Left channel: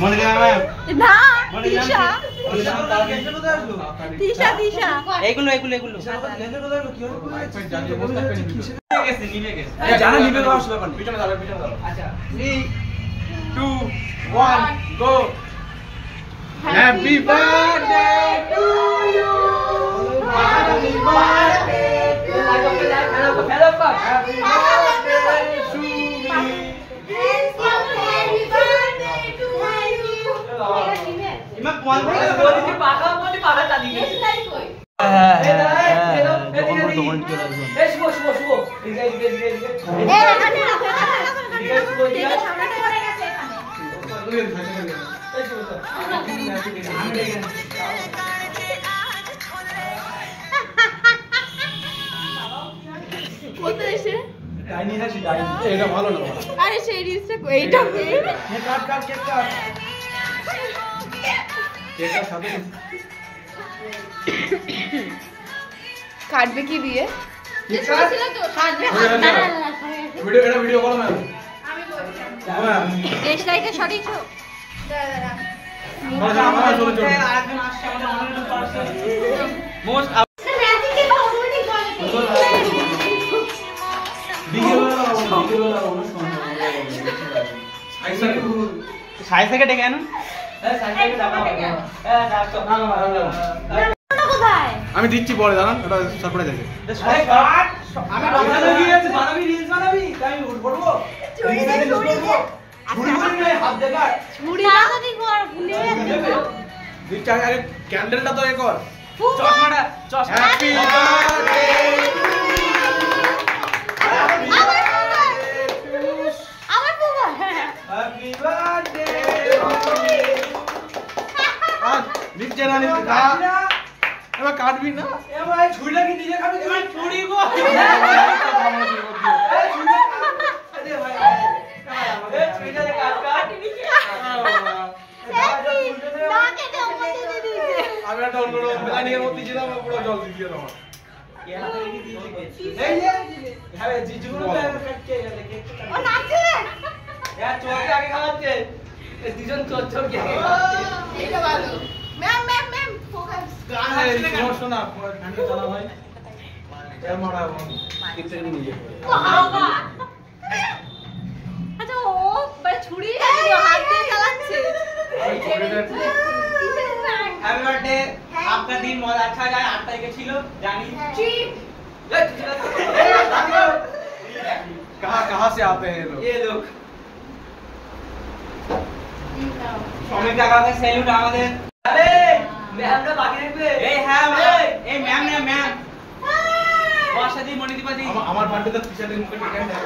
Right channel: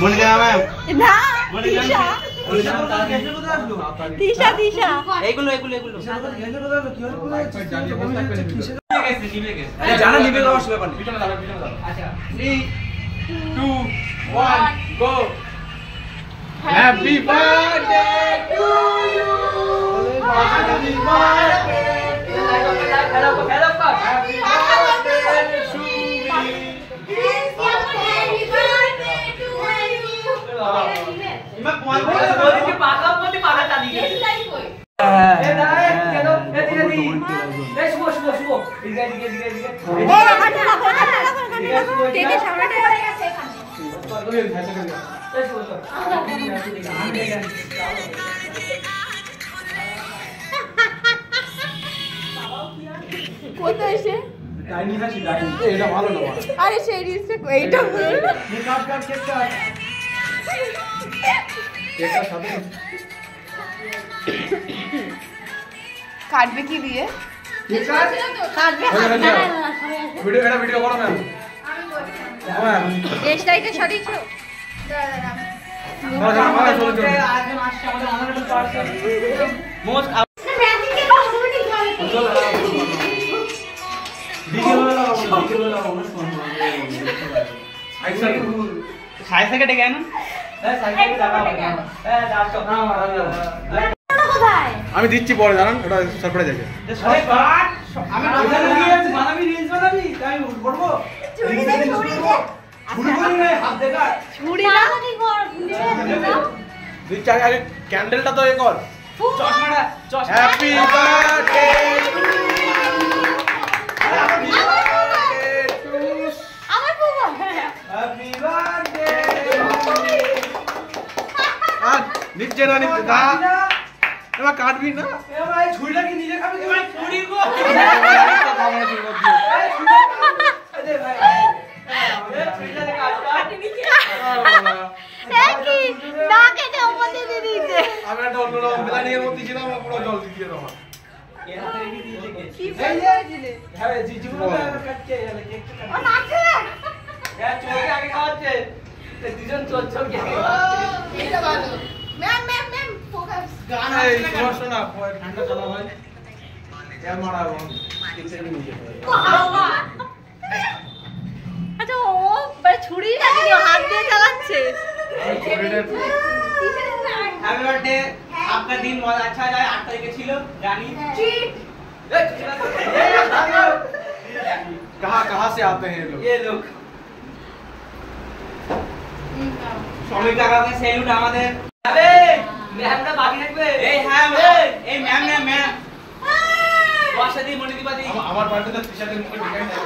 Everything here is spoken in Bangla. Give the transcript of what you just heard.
মনিকা ম্যাম না তিশা তিশা তিশা এইগুলো জানা নিবে গাওয়া আসবে ব্যাপার পিছনে দাঁড়াও আচ্ছা 3 2 1 go happy birthday to you happy birthday hello happy birthday Sumi কোথায় এসে ডাইনি হাসি ডাইনি এটা ভালো না বড় আরে সেই রিলসটা এইটা কাট কেক কাট কেকটা সাথে কাটবে কি দিয়ে কাটবে ভিডিও করো ম্যাম আমি করছি ম্যাম দেশ লাইটে সরিয়েছো আরেকজন আসছে আমাদের অনারেবল পার্সন মোস্ট সাইজ থেকে ডেকে আনো আমি দিচ্ছি পরে দাঁড়ান এটা সারপ্রাইজ আছে আমি বানাবি রিলস বানাবি তাই আমি করবো দিচ্ছি আগে ক্যান্ডেলটা তো এ কর হ্যাপি বার্থডে হ্যাপি বার্থডে আর নিচে না এবার কাটবি না ছুরিটা কি নিজে খাবি কি ভাই ছুরি গো আমি একটা অন্যরকম প্ল্যানিংয়ের মধ্যে ছিলাম পুরো জল দিয়ে দেওয়া শোনা ঠান্ডা চালা ভাই মারা নিয়ে আচ্ছা ও ছুরি হাত দিয়ে চালাচ্ছে हैप्पी बर्थडे आपका दिन बहुत अच्छा जाए 8 तारीख ছিল জানি कहाँ से आते हैं ये लोग সবাই কাকাকে সেলুট আমাদের আরে ম্যামটা বাকি রাখবে এই হ্যাঁ এই ম্যাম না ম্যাম বর্ষাদি মনিদীপাদি আমার বার্থডে তো ফিশারের মুখে টিকাই না